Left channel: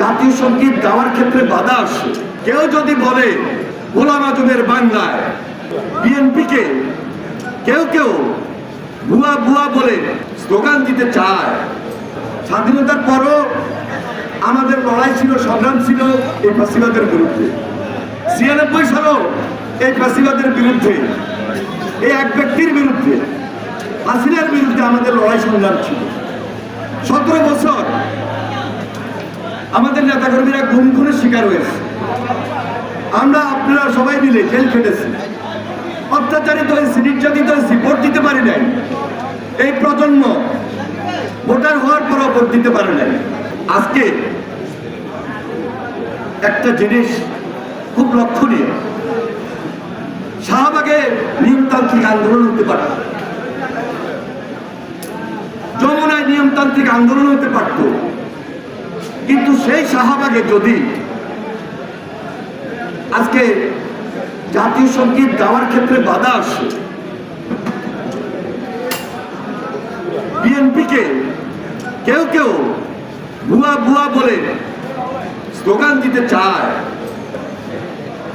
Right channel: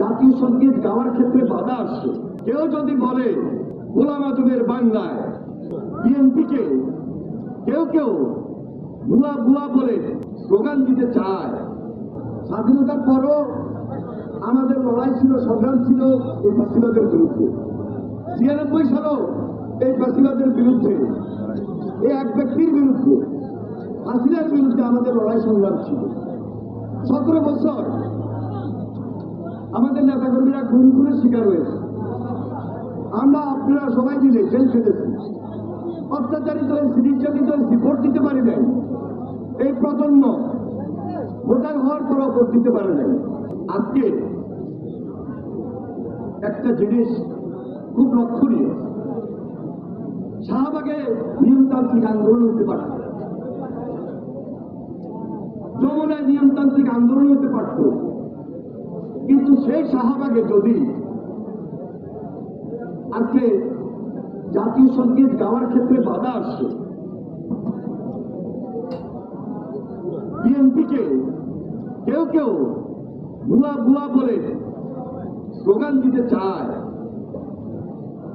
জাতীয় সংগীত গাওয়ার ক্ষেত্রে বাধা আসে। কেউ যদি বলে গোলাম আজমের বাংলায় বিএনপিকে, কেউ কেউ ভুয়া ভুয়া বলে স্লোগান দিতে চায়। স্বাধীনতার পরও আমাদের লড়াই ছিল, সংগ্রাম ছিল এই ফাঁসিবাদের বিরুদ্ধে। ছিয়ানব্বই সালও এই ফাঁসিবাদের বিরুদ্ধে, এই এক ব্যক্তির বিরুদ্ধে, হাসিনার বিরুদ্ধে আমাদের লড়াই সংগ্রাম ছিল। সতেরো বছর আমাদের নেতাকর্মীরা গুম খুনের শিকার হয়েছে। আমরা আপনারা সবাই মিলে জেল খেটেছি। অত্যাচারিত হয়েছি, নির্যাতিত হয়েছি, ভোট দিতে পারি নাই। এই প্রজন্ম ভোটার হওয়ার পরও ভোট দিতে পারে নাই। আজকে একটা জিনিস খুব লক্ষণীয়। শাহবাগে নিয়মতান্ত্রিক আন্দোলন হতে পারে। যমুনায় নিয়মতান্ত্রিক আন্দোলন হতে পারত। কিন্তু সেই শাহবাগে যদি আজকে জাতীয় সংগীত গাওয়ার ক্ষেত্রে বাধা আসে, বিএনপিকে কেউ কেউ বুয়া বুয়া বলে স্লোগান দিতে চায়।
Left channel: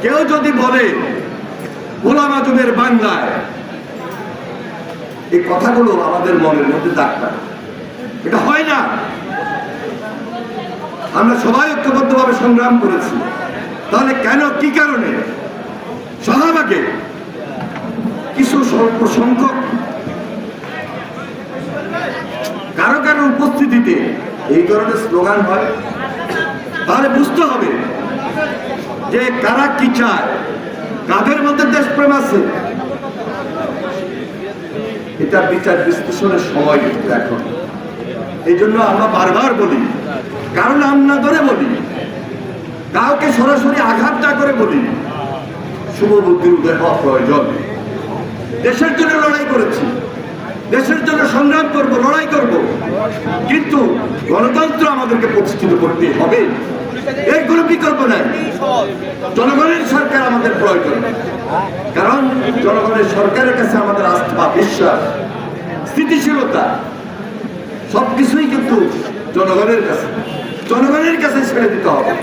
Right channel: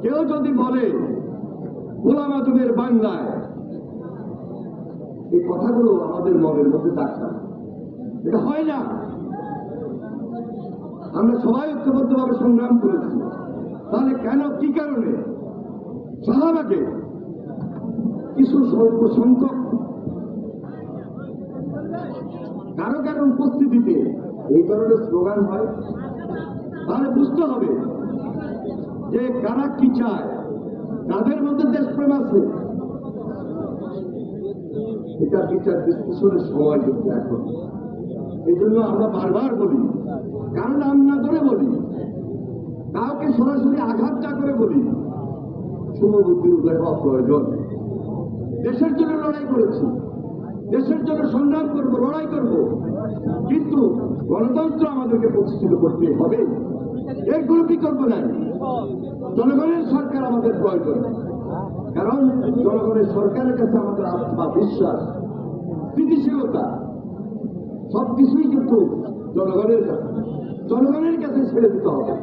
কেউ যদি বলে গোলাম আজমের বাংলায়, এই কথাগুলো আমাদের মনের মধ্যে ডাক্তার এটা হয় না। আমরা সবাই ঐক্যবদ্ধভাবে সংগ্রাম করেছি। তাহলে কেন, কি কারণে? শাহবাগে কিছু স্বল্প সংখ্যক কারও কারও উপস্থিতিতে এই ধরনের স্লোগান হয়। তাহলে বুঝতে হবে যে কারা কি চায়। কাদের মধ্যে দেশপ্রেম আছে? এটা বিচার বিশ্লেষণের সময় কিন্তু এখন। এই জন্য আমরা বারবার বলি কারও নাম না ধরে বলি। কাউকে সরাসরি আঘাত না করে বলি। শুভ বুদ্ধির উদয় হওয়া প্রয়োজন। দেশের জন্য লড়াই করেছি। দেশের জন্য সংগ্রাম করব, লড়াই করব। কিন্তু গণতন্ত্র আমাদেরকে প্রতিষ্ঠিত করতে হবে। এর কোনো বিকল্প নাই। জনগণের সরকার আমাদের প্রয়োজন। কারণ জনগণের সরকারের কাছে আমাদের আস্থা, বিশ্বাস, স্থিতিশীলতা, সবকিছুই কিন্তু জনগণের কাছে। জনগণের কাছে ছেড়ে দিতে হবে।